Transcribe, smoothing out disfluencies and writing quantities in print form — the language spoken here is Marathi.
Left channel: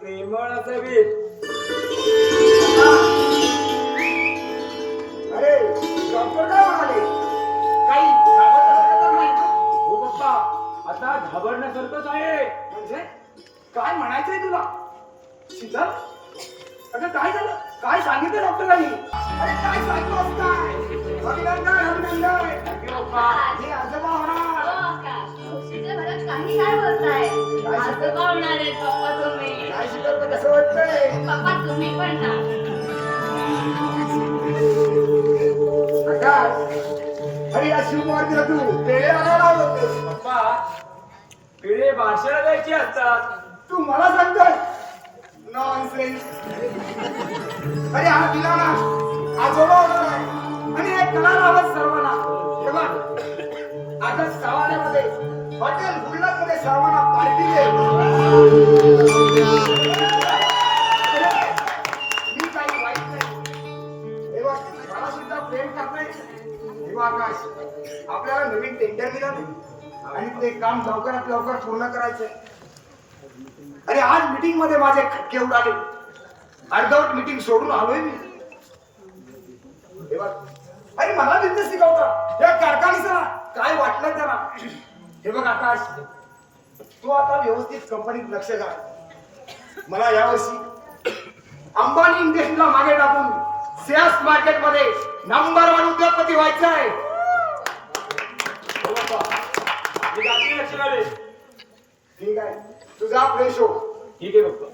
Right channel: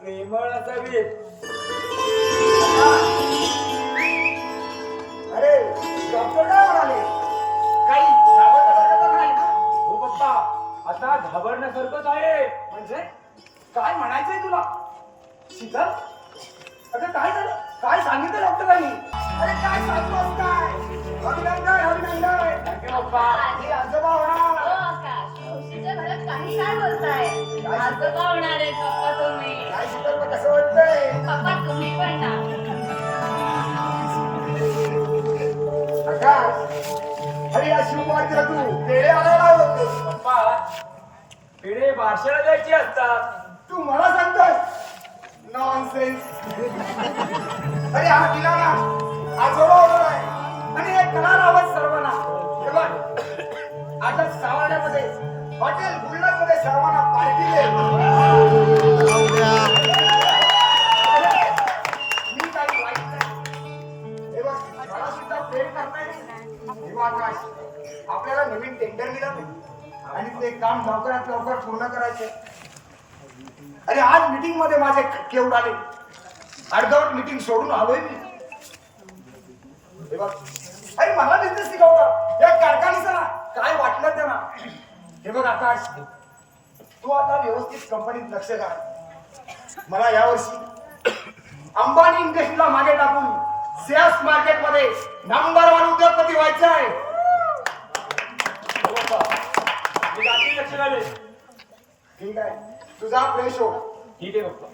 प्रेमळ असावी. अरे डॉक्टर काय म्हणाले? काही घाबरण्यासारखं तर नाही ना? हो पप्पा, आता घाबरण्यासारखंच आहे. म्हणजे काय म्हणायचंय तुला? शीतल, अगं काय झालं? काय सांगितलं डॉक्टरांनी? अरे काय सांगतोस काय? अभिनंदन अभिनंदन. थँक्यू पप्पा. हे आजोबा होणार. काही काय बोलताय? आजोबा होणार आहेत पप्पा तुम्ही. काय शीतल पण कसं वाटतंय? पप्पा तुम्ही पण ना. आकाश, अरे या शिवकुमारजीला तू पेढे आणायला होते. पप्पा, पिढे बारशाला द्यायची असतात. तू मला सांगतोय नॉनसेन्स. अरे हा दिला ना आजोबा होणार आहे आणि एक कला लावत सर्वांना. हे बघ आता सावाड्यामध्ये हॉटेल गुल्लक मध्ये सर्वांना पार्टी दे. अरे, मी काही वाईट नाही. हे बघ मला सुद्धा प्रेम करताय. हे बघ आकाश, आपल्याला नवीन टेंडर मिळालं आणि ते काम लवकरात लवकर पूर्ण करायचंय. अरे आज मीटिंग मध्ये माझे खटके उडाले. अर्धवट मीटिंग सोडून आलोय मी. हे बघ, अरे मला बिझनेस शिकवता या कारखानीचं काय वाटलं त्यांना. हे बघ आकाश, तू आता व्यवस्थित कंपनीत लक्ष घाल. मला यावर्षी अंबानी इंडस्ट्रीला मागे टाकून शेअर्स मार्केट मध्ये नंबर 1 उद्योगपती व्हायचं आहे. हो पप्पा, मी गाठी लक्ष घालेन. ठीक आहे, तुझा फ्रेश हो. ठीक आहे पप्पा.